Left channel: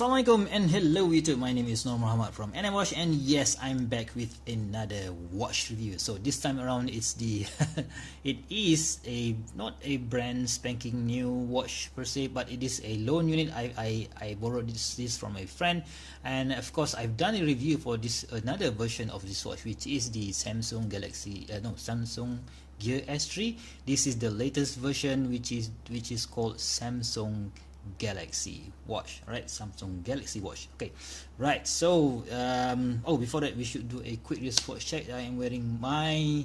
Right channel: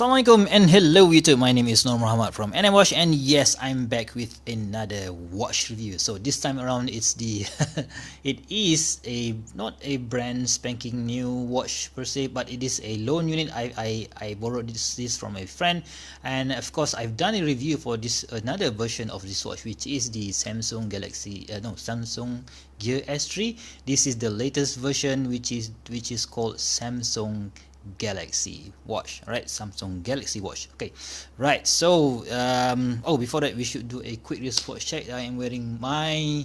Assalamualaikum and hello YouTube, my name is Nur Muhammad from NMWatch, and yes, I'm back with another watch review. So this time around it's the it is a not a brand spanking new watch per se, but it is a loan unit. I borrowed this from a friend, and of course I've done a review for this another version of this watch, which is the Samsung Gear S3. This is the latest version, which is called Samsung Galaxy watch, right? Samsung Galaxy watch. Okay, right. So before that, we should do a quick wristwatch check. I am wearing my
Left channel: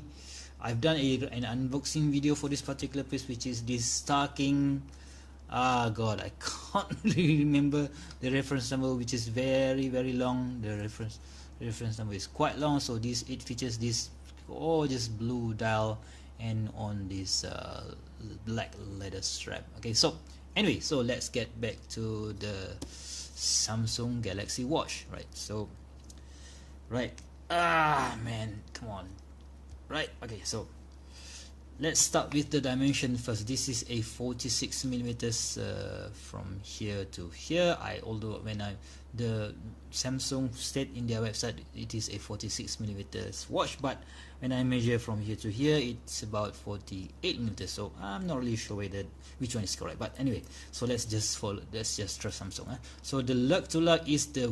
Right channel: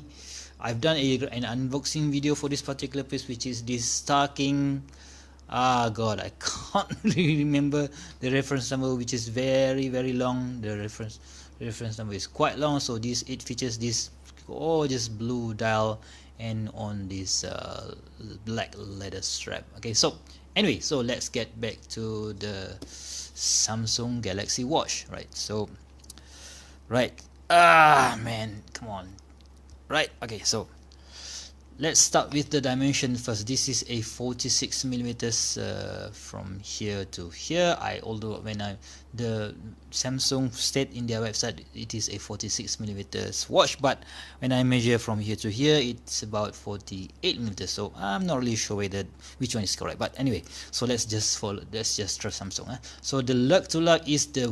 I've done an unboxing video for this particular piece, which is this Starking. God, I can't really remember the reference number, which is very long. The reference number is quite long. So it features this gorgeous blue dial and on this black leather strap. Okay, so anyway, so let's get back to the Samsung Galaxy watch, right? So man, come on. Right, okay, so let's start with the dimension first. This is a 46 millimeters from here to here. Although the Samsung state in their website it is a 46 millimeters watch, but when I measure from here to here, it's about 48 millimeters. So I'm not really sure which one is correct. But anyway, so let's just trust Samsung. So the lug to lug is the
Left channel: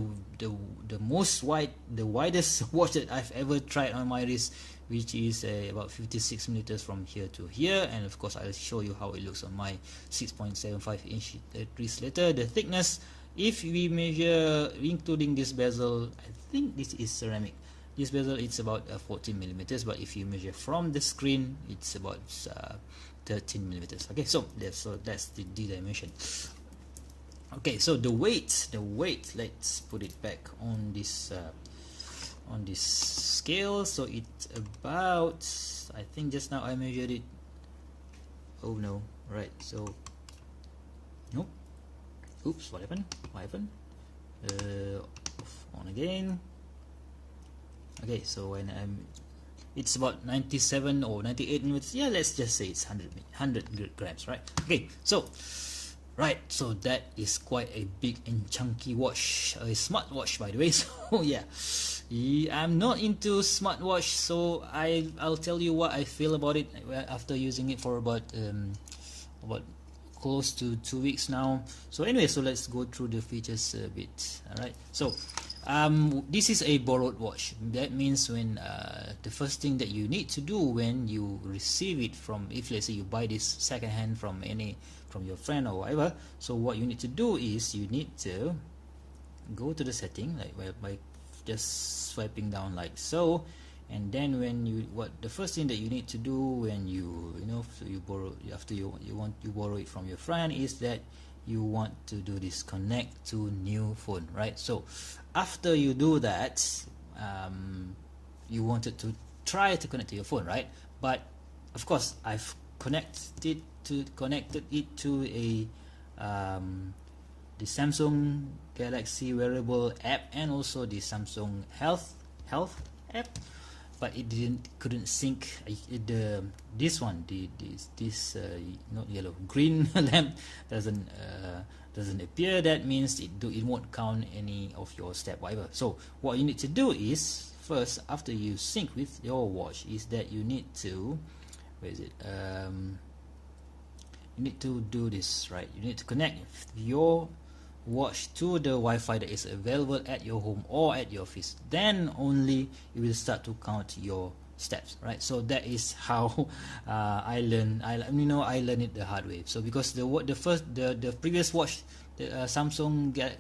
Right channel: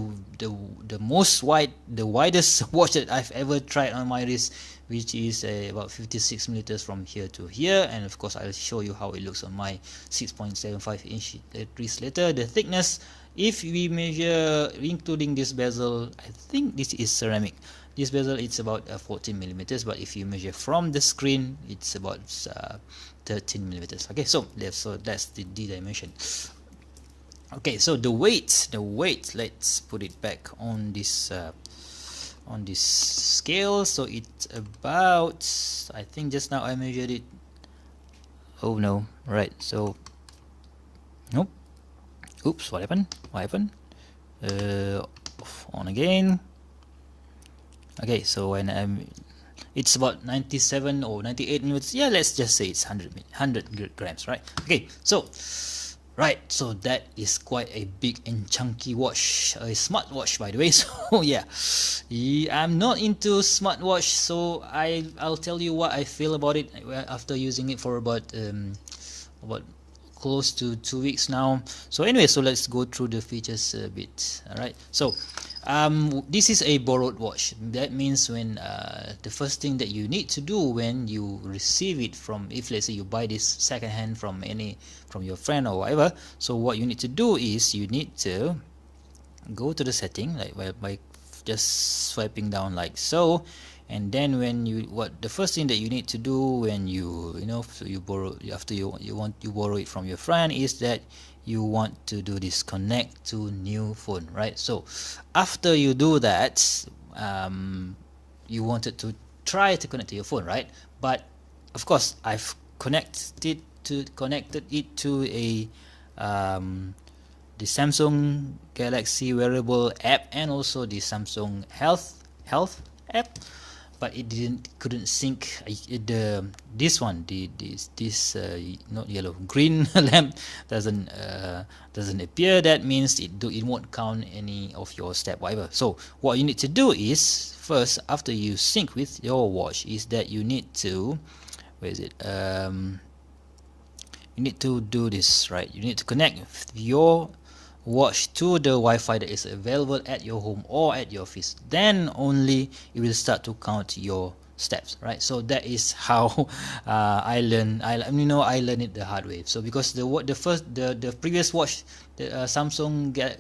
widest watch that I've ever tried on my wrist, which is about 56 millimeters from here to here. And of course I'll show you how it looks on my 6.75 inch wrist later. The thickness, if we measure including this bezel, I think this is ceramic. This bezel, it's about 14 millimeters, but if you measure from the screen, it's about 13 millimeters. Okay, so that's the dimension. Okay, so the weight, let's put it back on this scale. So it's about, I think just now I measured it. Oh no, right, so nope, oops, what happened? On again. Okay, so when it's about 97 or 98 millimeters. Yeah, let's just say it's 100 grams, right? Okay, so right, so that is quite a big and chunky watch, a smartwatch, by the way. So yeah, I'm not into smartwatch, so I'll tell you what I feel about it after using it for about close to 2 weeks now. So anyway, so let's go through the features a bit. All right, so this is a borrowed watch. That means when the first thing that you need to do when you receive it from, if let's say you buy this second hand from your friend or whatever, so what you need to do is you need to go to the setting, like by just swiping down like so. And then when you the first thing that you need to do when you borrow, after you borrow it from your friend, is that you want to do this connect to new phone, right? So after you do that, you wanted to try to connect to your phone, right? But of course I've connected it to a the Samsung Galaxy wearable app and also the Samsung health app, but it couldn't sync this not yellow, green lamp doesn't appear. That means it won't count any of your step, whatever. So what you need to do is, first, after you sync with your watch, is that you need to, where is it, you need to do this, right? You need to connect your watch to the Wi-Fi that is available at your home or at your office. Then only it will start to count your steps, right? So that is how I learned it the hard way. So because the previous watch, the Samsung Gear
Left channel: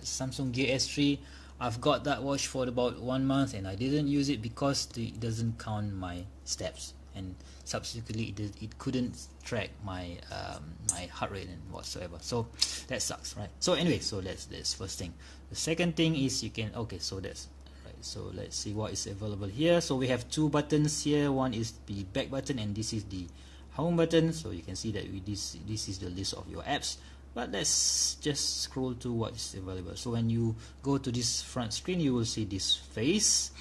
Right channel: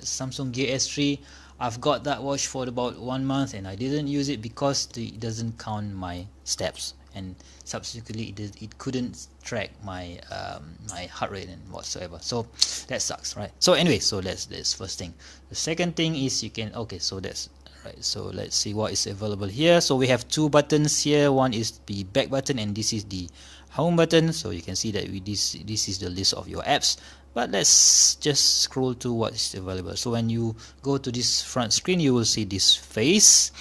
S3, I've got that watch for about 1 month and I didn't use it because it doesn't count my steps, and subsequently it couldn't track my my heart rate and whatsoever. So that sucks, right? So anyway, so that's first thing. The second thing is you can, okay, so that's right. So let's see what is available here. So we have 2 buttons here. One is the back button and this is the home button. So you can see that this is the list of your apps. But let's just scroll to what is available. So when you go to this front screen, you will see this face,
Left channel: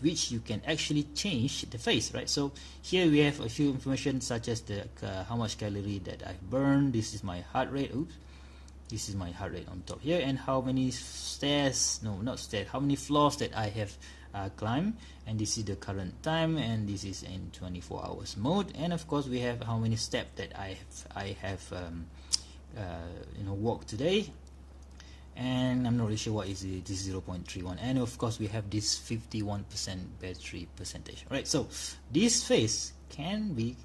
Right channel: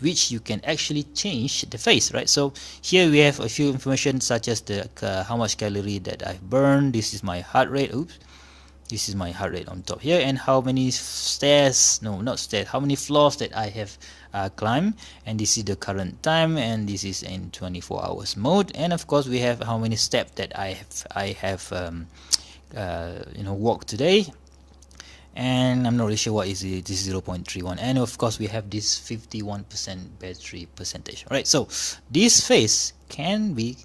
which you can actually change the face, right? So here we have a few information such as the how much calorie that I've burned. This is my heart rate. Oops, This is my heart rate on top here, and how many stairs, no, not stairs, how many floors that I have climbed, and this is the current time, and this is in 24 hours mode, and of course we have how many steps that I have walked today. And I'm not really sure what is it. This is 0.31, and of course we have this 51% battery percentage, right? So this face can be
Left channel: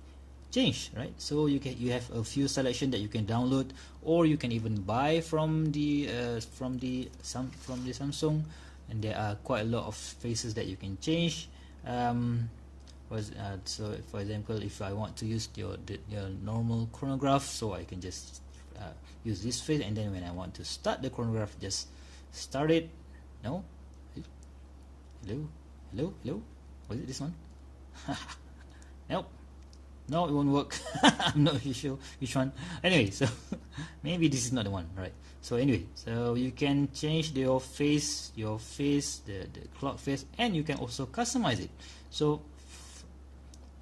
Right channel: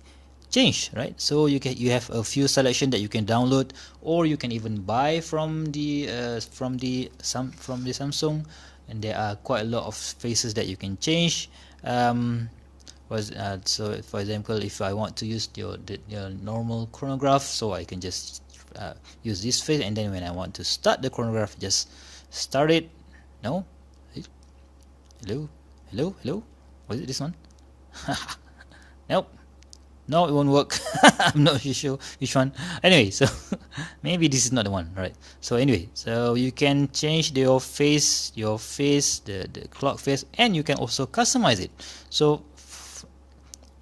changed, right? So you have a few selection that you can download, or you can even buy from the Samsung, and there are quite a lot of faces that you can change. So for example, if I want to use your normal chronograph, so I can just use this face, and then when I want to start the chronograph, just start it. No, hello, was it this one? Nope, no, it won't work. I'm not sure which one. Anyway, so maybe this is not the one, right? So anyway, so you can change your face, the clock face, and you can also customize it. So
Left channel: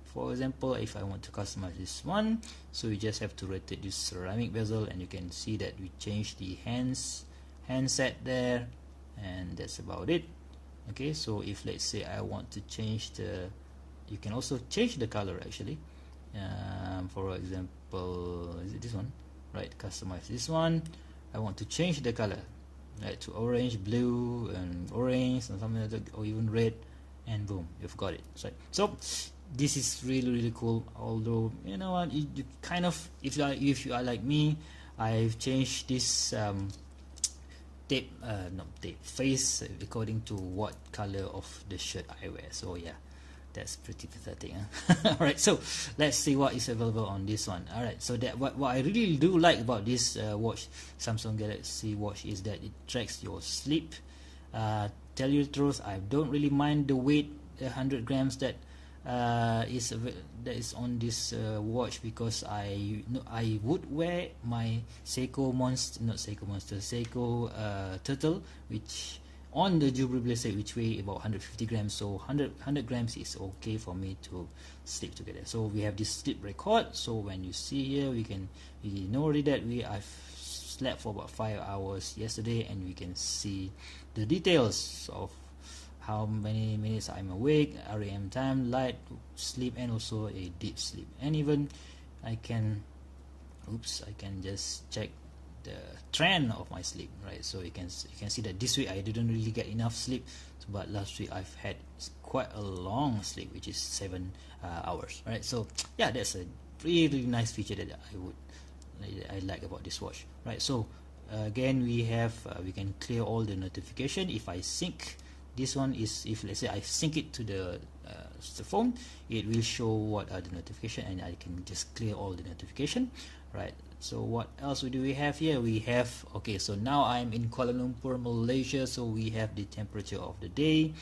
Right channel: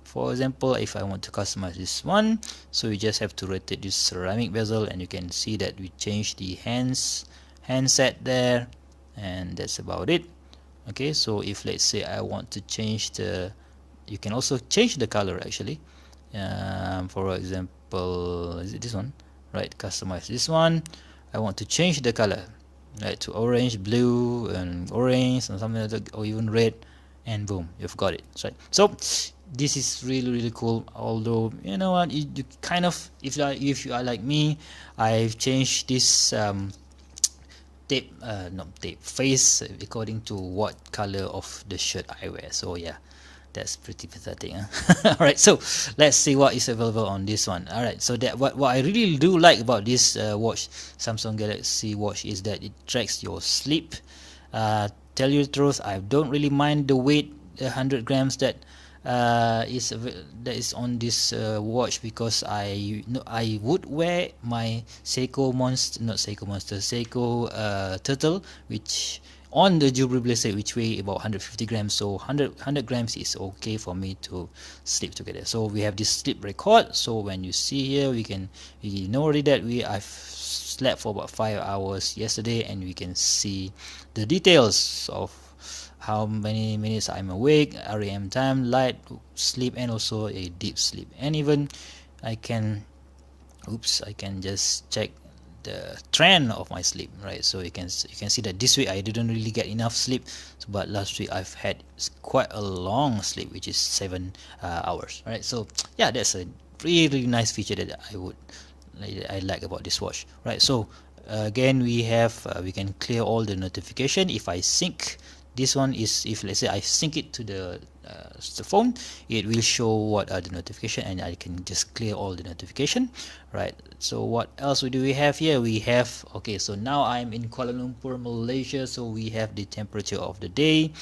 for example, if I want to customize this one, so you just have to rotate this ceramic bezel, and you can see that we change the handset there, and that's about it. Okay, so if let's say I want to change you can also change the color actually. For example, is it this one? Right, customize this one. I want to change the color, right, to orange, blue, and orange, and something like that, or even red, and boom, you've got it. Right, so this is really cool. Although you know what, you kind of, if you are like me, I've changed this tape face according to what color of the shirt I wear. So yeah, that's pretty pathetic, huh? Alright, so let's see what is available on this one. Alright, so that what I really do like about this watch, Samsung Galaxy Watch, is that it tracks your sleep. Tell you the truth, I don't really mind the weight, 100 grams that is on this watch, because I would wear my Seiko turtle, which on the jewelry bracelet, which weigh about 150 grams. So 100 grams is okay for me to sleep together. So we have this sleep record. So when you see here, you know already that I've slept for about 5 hours yesterday, and we can see the details of how many minutes I'm awake, REM time, light sleep, and also a deep sleep. And even I can just check the trend of my sleep, right? So you can see that this week I didn't really get enough sleep, but last week I've had quite a long sleep, which is 7 hours, right? So yeah, that's a really nice feature that I like about this watch, right? So again, we can clear all the notification. If I sync this one, if let's say I sync it to the phone, it will show what are the notification, and I can just clear all the notification, right? So what else do we have here? We have, okay, so now I'm in Kuala Lumpur, Malaysia. So we have the temperature of the day,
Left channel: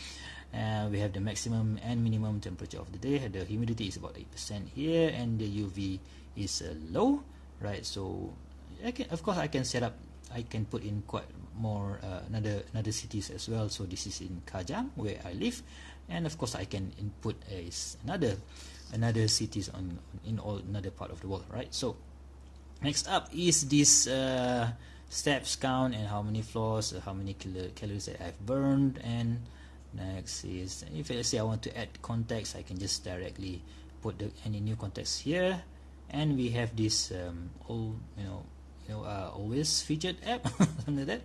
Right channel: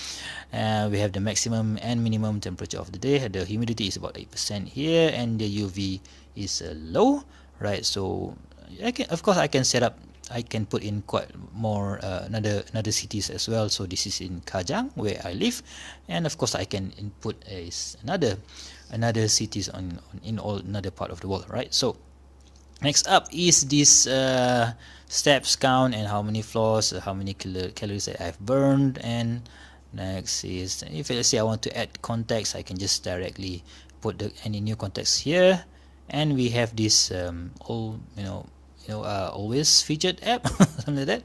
we have the maximum and minimum temperature of the day. The humidity is about 8% here, and the UV is low, right? So I can put in quite more another cities as well. So this is in Kajang, where I live, and of course I can input another cities in all another part of the world, right? So next up is this steps count, and how many floors, how many calories that I've burned. And next is, if let's say I want to add contacts, I can just directly put any new contacts here, and we have this always featured app, something like that,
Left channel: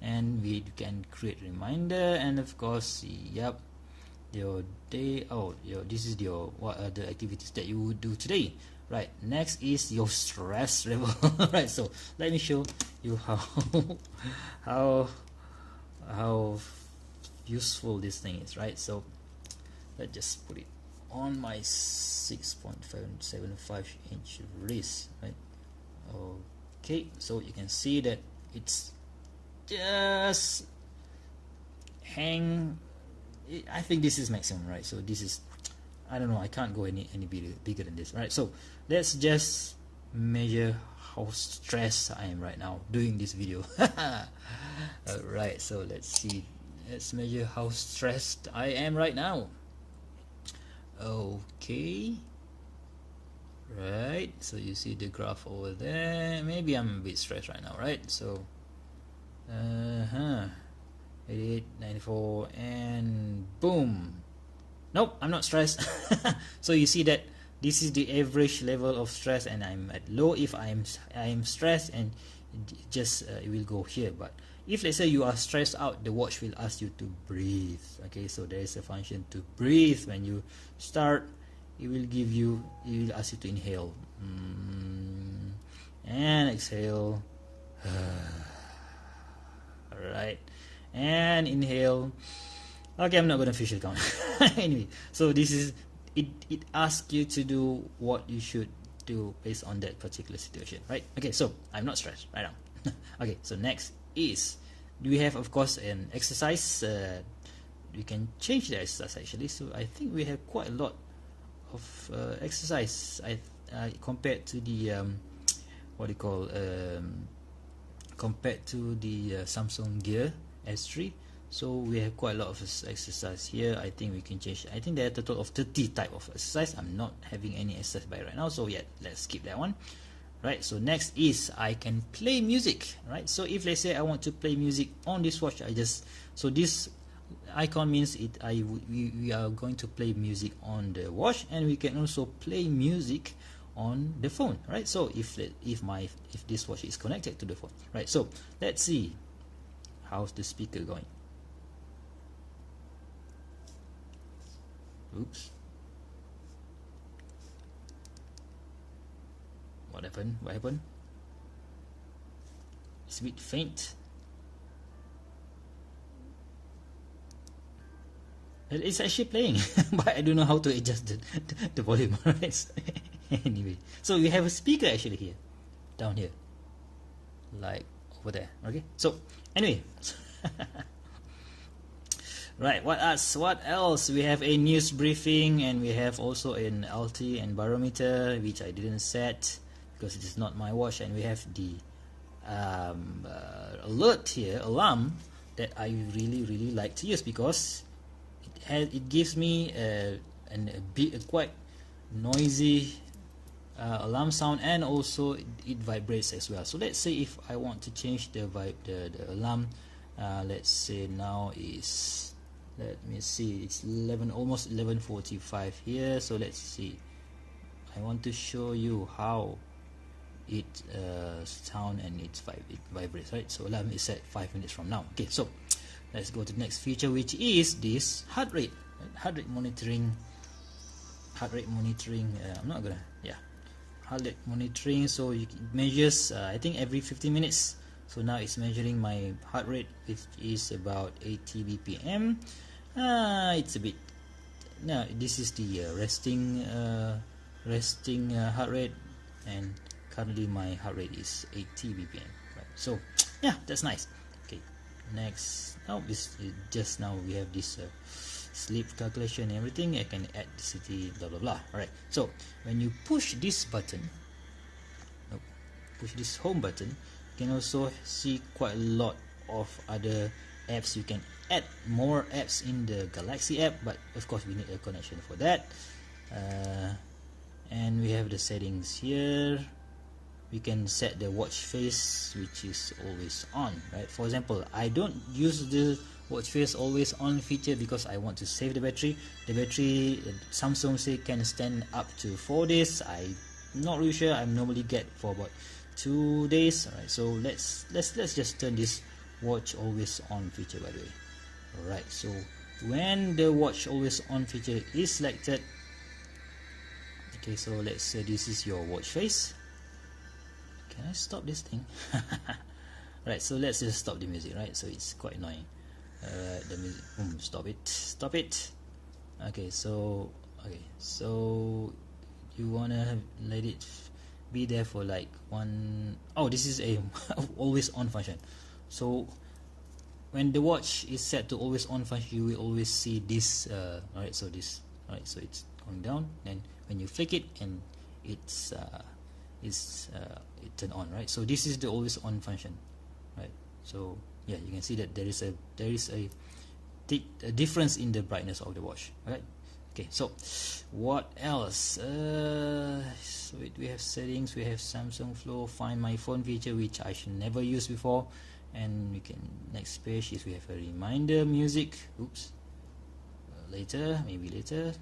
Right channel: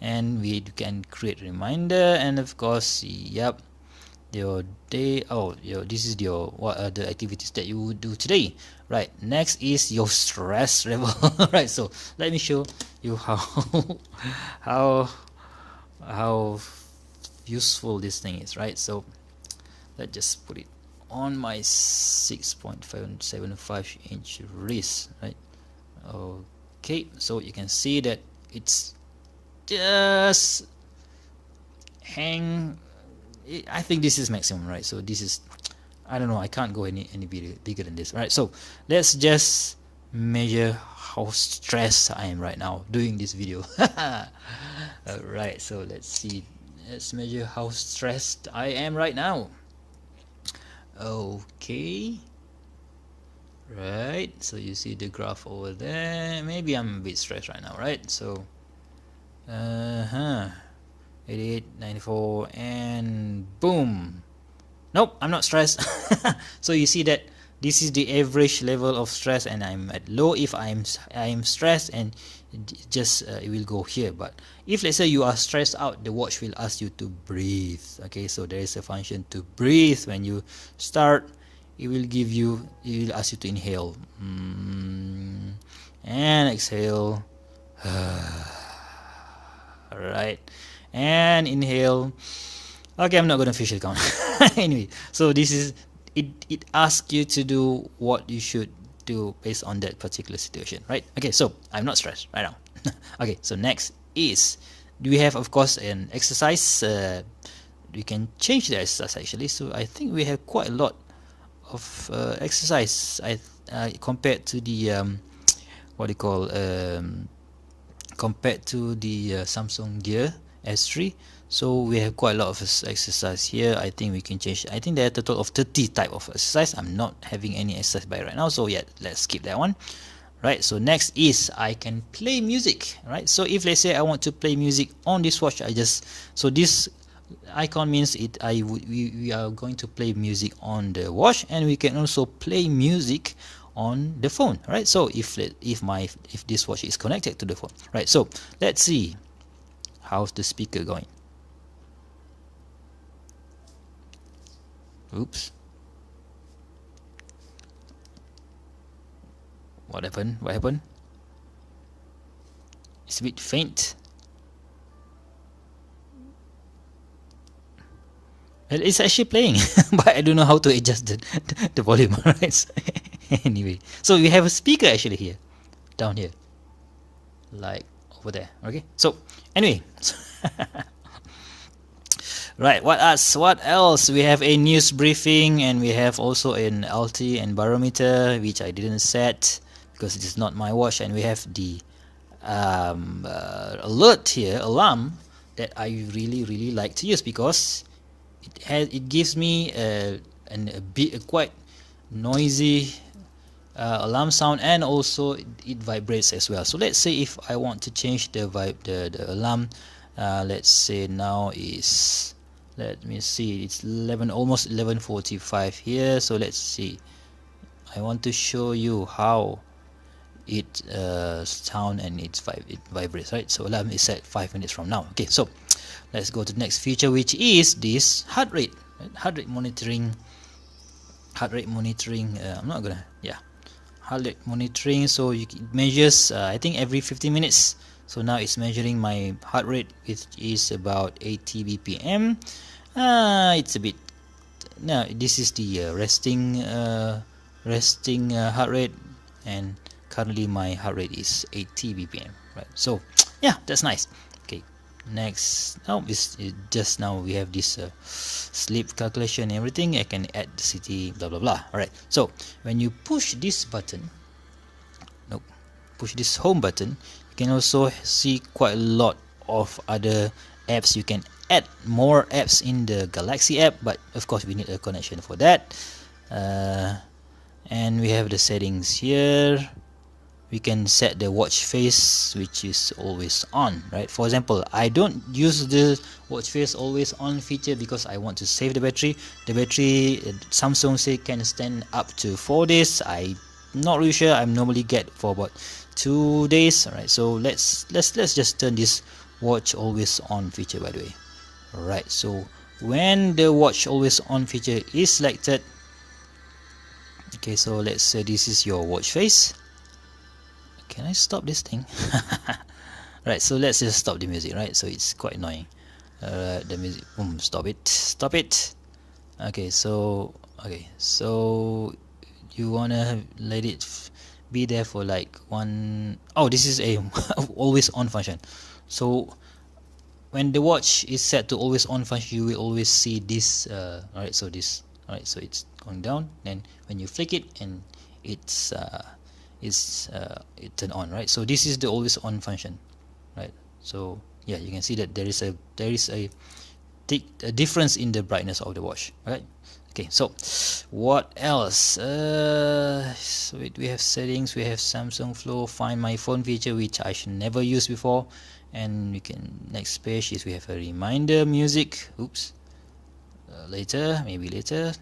and we can create reminder. And of course, yep, your day, this is what are the activities that you would do today, right? Next is your stress level. Right, so let me show you how useful this thing is, right? So let's just put it on my 6.75 inch wrist, right? Okay, so you can see that it's just I think this is maximum, right? So this is, I don't know, I can't go any bigger than this, right? So let's just measure how stressed I am right now doing this video. Alright, so let's measure how stressed I am right now. Okay, right? So you see the graph over there. Maybe I'm a bit stressed right now, right? So 88, 94, and boom. Nope, I'm not stressed. So you see that this is the average level of stress, and I'm at low if I'm stressed, and just it will go here. But if let's say you are stressed out, the watch will ask you to breathe. Okay, so there is a function to breathe. When you start, it will ask you to inhale, and exhale. All right, and inhale. Okay, I'm not gonna officially count. Anyway, so this is it asks you to do what you should do based on that particular situation, right? Okay, so I'm not stressed right now. Okay, so next is, we have of course an exercise. We can change the exercise actually. So I think we have quite a lot of exercise. Compared to the what do you call compared to the Samsung Gear S3. So we have quite a lot of exercise here. I think we can change. I think there are a total of 30 type of exercise. I'm not having any exercise by right now, so yeah, let's skip that one. Right, so next is I can play music. Right, so if let's say I want to play music on this watch, so this icon means we are going to play music on the watch, and we can also play music on the phone. Right, so if this watch is connected to the phone. Right, so let's see how's the speaker going. Oops. What happened? What happened? It's a bit faint. Well, it's actually playing, but I don't know how to adjust the volume. Right. So anyway, so we have a speaker actually here, down here, like over there. Okay. So anyway. Right, what else? We have a news briefing, and we have also an LT and barometer, which I didn't set because it is not my watch, and we have the alert here, alarm, that I really like to use because it gives me a quite noisy alarm sound, and also it vibrates as well. So let's say if I want to change the alarm, let's say now is, let me see, it's almost 11:45 here. So let's see, I want to show you how it sound and it vibrates, right? So alarm is set 5 minutes from now. Okay, so let's go to the next feature, which is this heart rate, right? Heart rate monitoring. I'm not gonna, yeah, heart rate monitoring. So it measures I think every 15 minutes. So now it's measuring my heart rate, which is about 80 bpm. It's a bit, no, this is the resting heart rate, and currently my heart rate is 80 bpm, right? So yeah, that's nice. Okay, next, now just now we have this sleep calculation and everything. I can add the city, blah blah blah. All right, so when you push this button, push this home button, you can also see quite a lot of other apps. You can add more apps in the Galaxy app, but of course we need a connection for that. And we have the settings here. We can set the watch face, which is always on, right? For example, I don't use the watch face always on feature because I want to save the battery. The battery, Samsung say, can stand up to 4 days. I'm not really sure. I normally get for about 2 days. All right, so let's just turn this watch always on feature, by the way. All right, so when the watch always on feature is selected, okay, so let's say this is your watch face. Can I stop this thing? Right, so let's just stop the music, right? So it's quite annoying. The music, boom, stop it. Okay, so you wanna let it be there for like one. Oh, this is a always on function. So when the watch is set to always on function, you will always see this. Alright, so this. Alright, so it's going down. Then when you flick it, and it turn on, right? So this is the always on function, right? So yeah, you can see that there is a difference in the brightness of the watch, right? Okay, so what else? So we have settings, we have Samsung Flow, find my phone feature, which I should never use before, and we can, next page is we have a reminder music. Oops, later, maybe later.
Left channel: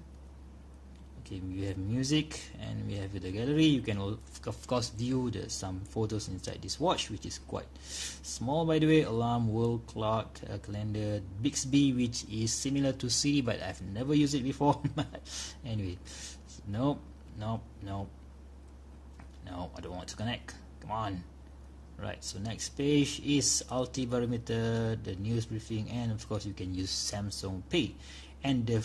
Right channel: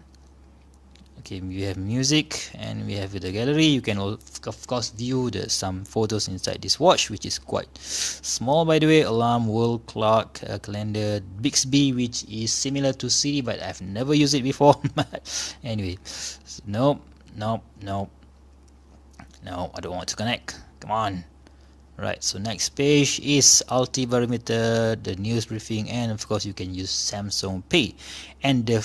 Okay, we have music and we have the gallery. You can of course view some photos inside this watch, which is quite small, by the way. Alarm, world clock, calendar, Bixby, which is similar to Siri, but I've never used it before. Anyway, nope, nope, nope, no, I don't want to connect. Come on. Right, so next page is altibarometer, the news briefing, and of course you can use Samsung Pay. And the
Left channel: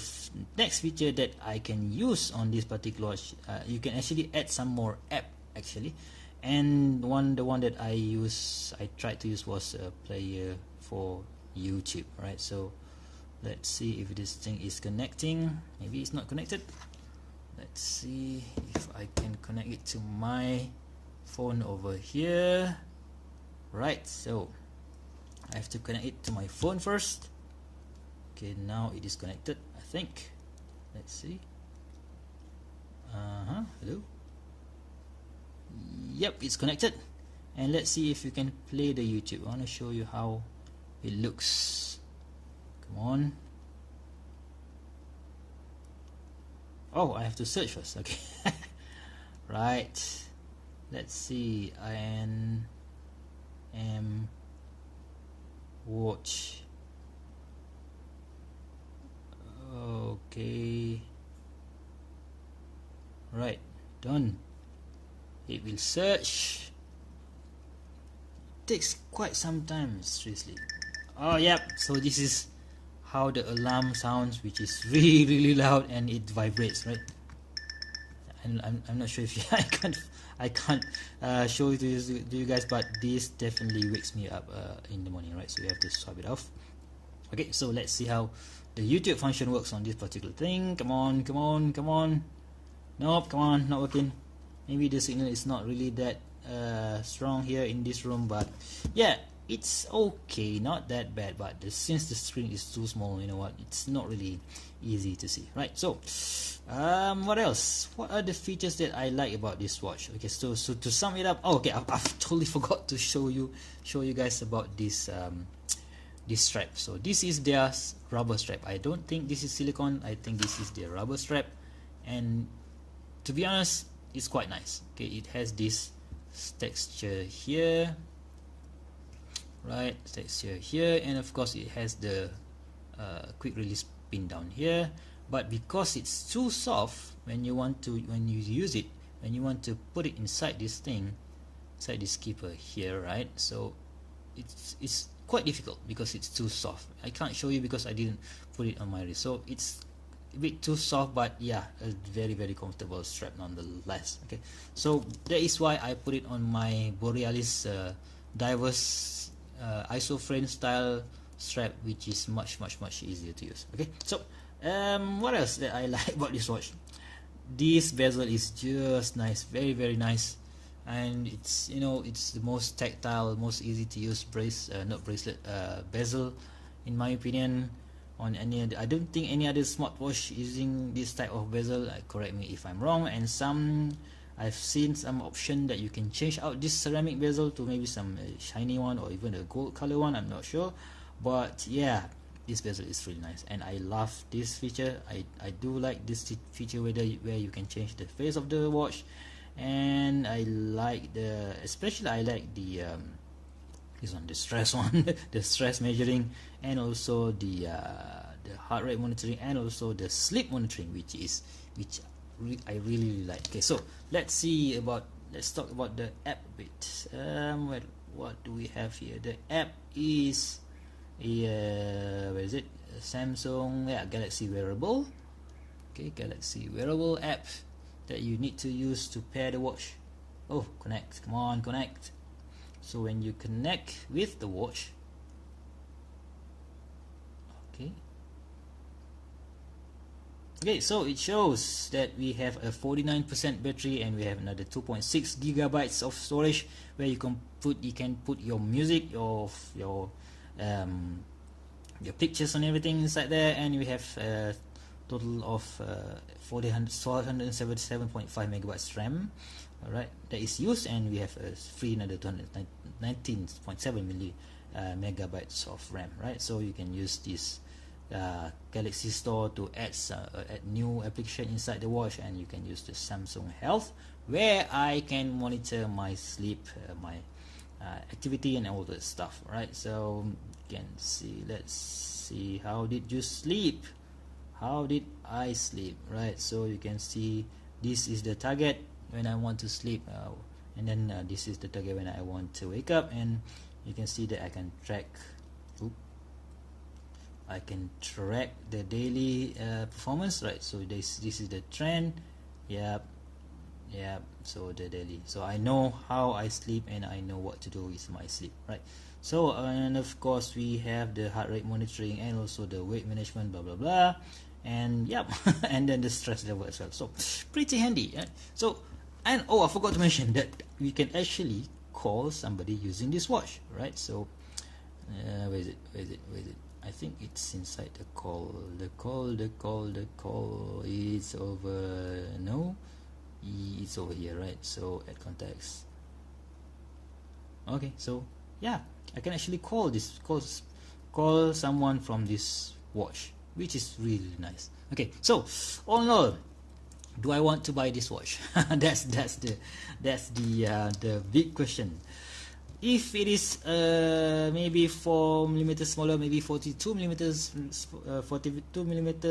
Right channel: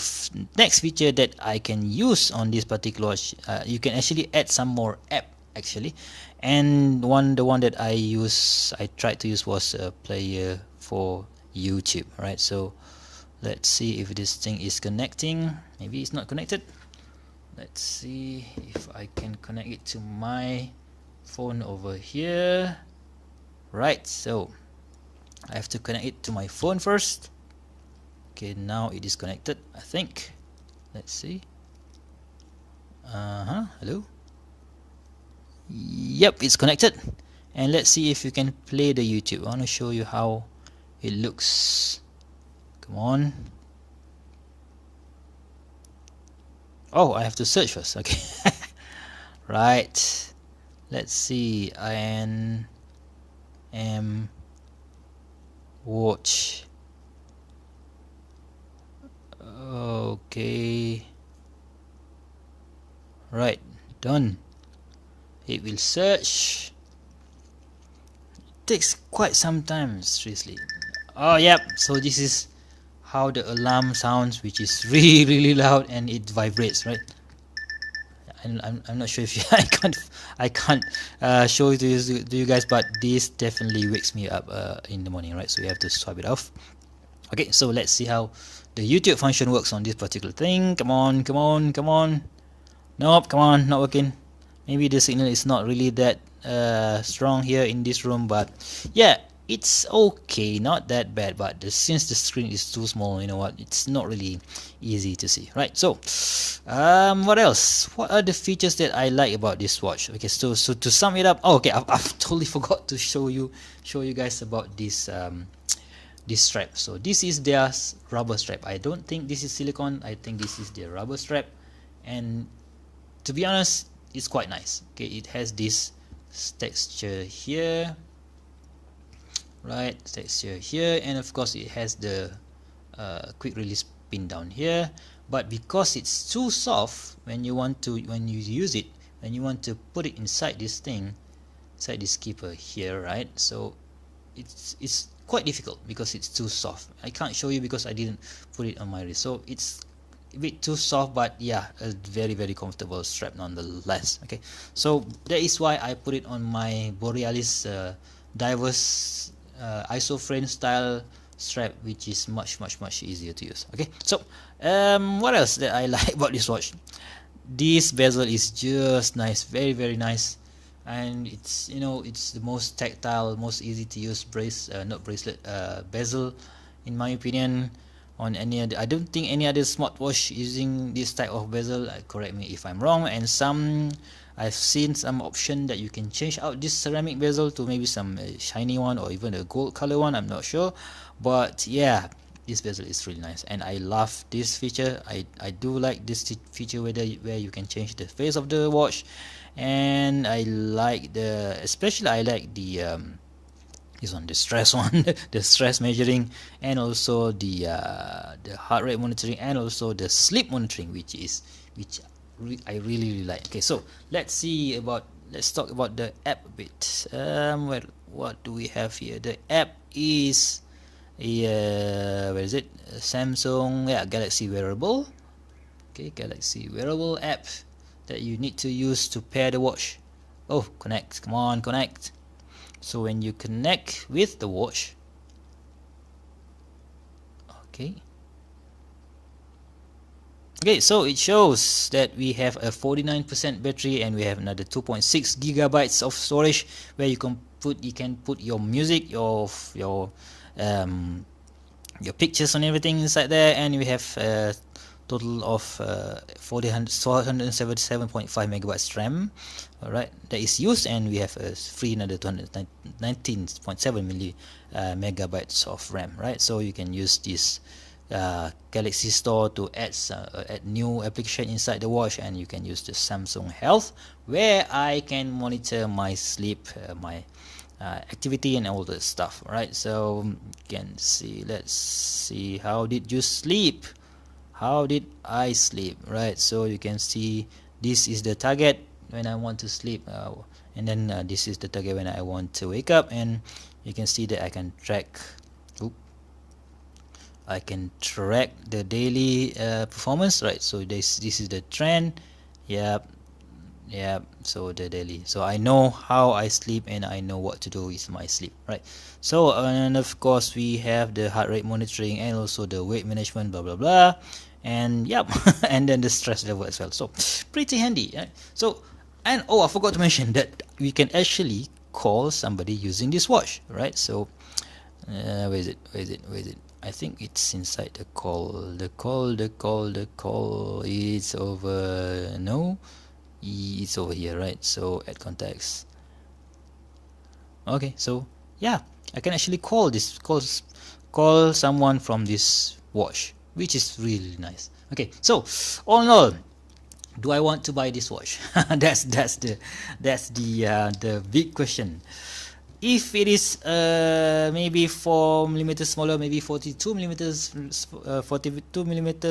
next feature that I can use on this particular watch, you can actually add some more app actually. And the one that I tried to use was a player for YouTube. Right, so let's see if this thing is connecting. Maybe it's not connected. Let's see if I can connect it to my phone over here. Right, so I have to connect it to my phone first. Okay, now it is connected, I think. Let's see. Hello. Yep, it's connected. And let's see if you can play the YouTube. I want to show you how it looks. Come on. Oh, I have to search first. Okay. Right. Let's see. Watch. Okay. Right, done. It will search. It takes quite some time, seriously. Oh yep, so this is how the alarm sounds, which is really loud and it vibrates, right? I'm not sure if you, I can't show it to you guys, but this definitely wakes me up in the morning, right? So we have to swipe it off. Okay, so let's see how the YouTube function works on this particular thing. Come on, come on, come on. Nope, come on, not working. Maybe the signal is not really that strong here in this room, but yeah, it's okay, not that bad. But since the screen is too small, you know what, it's not really easy to see, right? So what else? What are the features that I like about this watch? Okay, so to sum it up, okay, I've totally forgot to show you guys about this this strap. So this is their rubber strap. I don't think this is silicone, I think this is their rubber strap, and to be honest, it's quite nice. Okay, it has this texture here, right, texture here, and of course it has the quick release pin down here. But because it's too soft, when you use it, when you want to put it inside this thing, inside this keeper here, right, so it's quite difficult because it's too soft. I can't show you because I didn't put it on my wrist, so it's a bit too soft, but yeah, a very comfortable strap nonetheless. Okay, so that is why I put it on my Borealis diverse isoframe style strap, which is much easier to use. Okay, so what else that I like about this watch? This bezel is just nice, very nice, and it's, you know, it's the most tactile, most easy to use bezel in my opinion. On any other, I don't think any other smartwatch using this type of bezel. Correct me if I'm wrong. And I've seen some option that you can change out this ceramic bezel to maybe some shiny one or even a gold color one. I'm not sure, but yeah, this bezel is really nice, and I love this feature. I do like this feature where you can change the face of the watch, and I like especially I like the this one, the stress one, the stress measuring, and also the heart rate monitoring, and also the sleep monitoring, which I really like. Okay, so let's talk about the app a bit. Well, what do we have here? The app is where is it? Samsung, yeah, Galaxy Wearable. Okay, Galaxy Wearable app that you need to use to pair the watch. Oh, connect, come on, connect. So when you connect with the watch, okay, so it shows that we have a 49% battery, and we have another 2.6 gigabytes of storage where you can put your music, your pictures and everything inside there, and we have total of 477.5 megabytes RAM. All right, that is used, and we have a free another 219.7 megabytes of RAM, right? So you can use this Galaxy Store to add new application inside the watch, and you can use the Samsung Health, where I can monitor my sleep, my activity, and all that stuff, right? So you can see, let's see, how did you sleep? How did I sleep, right? So you can see this is the target when I want to sleep, and then this is the target when I want to wake up, and you can see that I can track the daily performance, right? So this is the trend. Yep, so the daily, so I know how I sleep and I know what to do with my sleep, right? So and of course we have the heart rate monitoring and also the weight management, blah blah blah, and yep and then the stress level as well. So pretty handy, right? So, and I forgot to mention that we can actually call somebody using this watch, right? So where is it? I think it's inside the call. The call is over. No, it's over here, right? So add contacts. Okay, so yeah, I can actually call someone from this watch, which is really nice. Okay, so all in all, do I want to buy this watch? that's the big question. If it is maybe 4 millimeters smaller, maybe 42 millimeters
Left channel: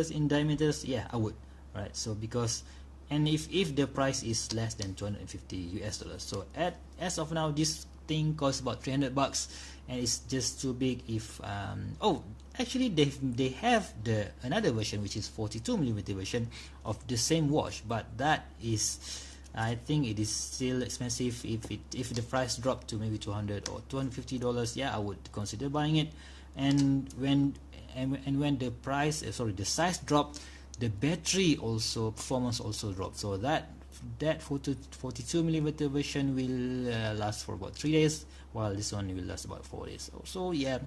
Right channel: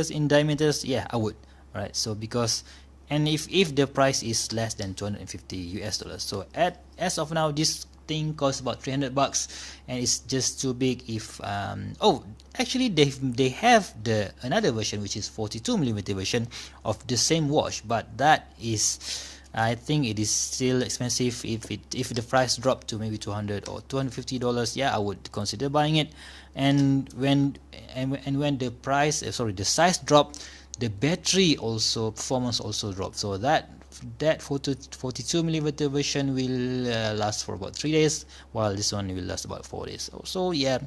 in diameters, yeah, I would, right? So because, and if the price is less than 250 US dollars, so as of now this thing costs about $300, and it's just too big. If actually they have the another version, which is 42 millimeter version of the same watch, but that is, I think it is still expensive. If the price dropped to maybe $200 or $250, yeah, I would consider buying it. And when the price, the size dropped, the battery also performance also dropped. So that 42 millimeter version will last for about 3 days, while this one will last about 4 days. So yeah,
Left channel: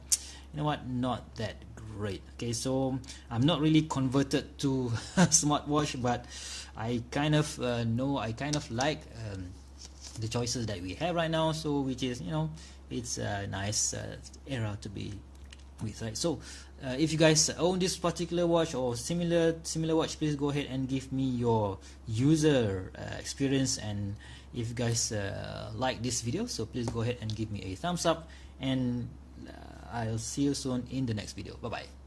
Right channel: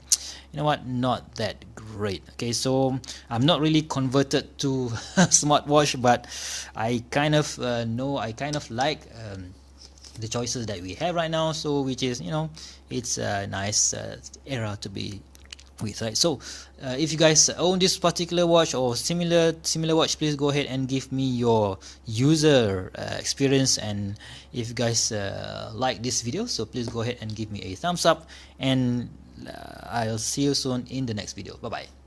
you know what, not that great. Okay, so I'm not really converted to smartwatch, but I kind of like the choices that we have right now. So which is, it's a nice era to be with, right? So if you guys own this particular watch or similar watch, please go ahead and give me your user experience. And if you guys like this video, so please go ahead and give me a thumbs up, and I'll see you soon in the next video. Bye bye.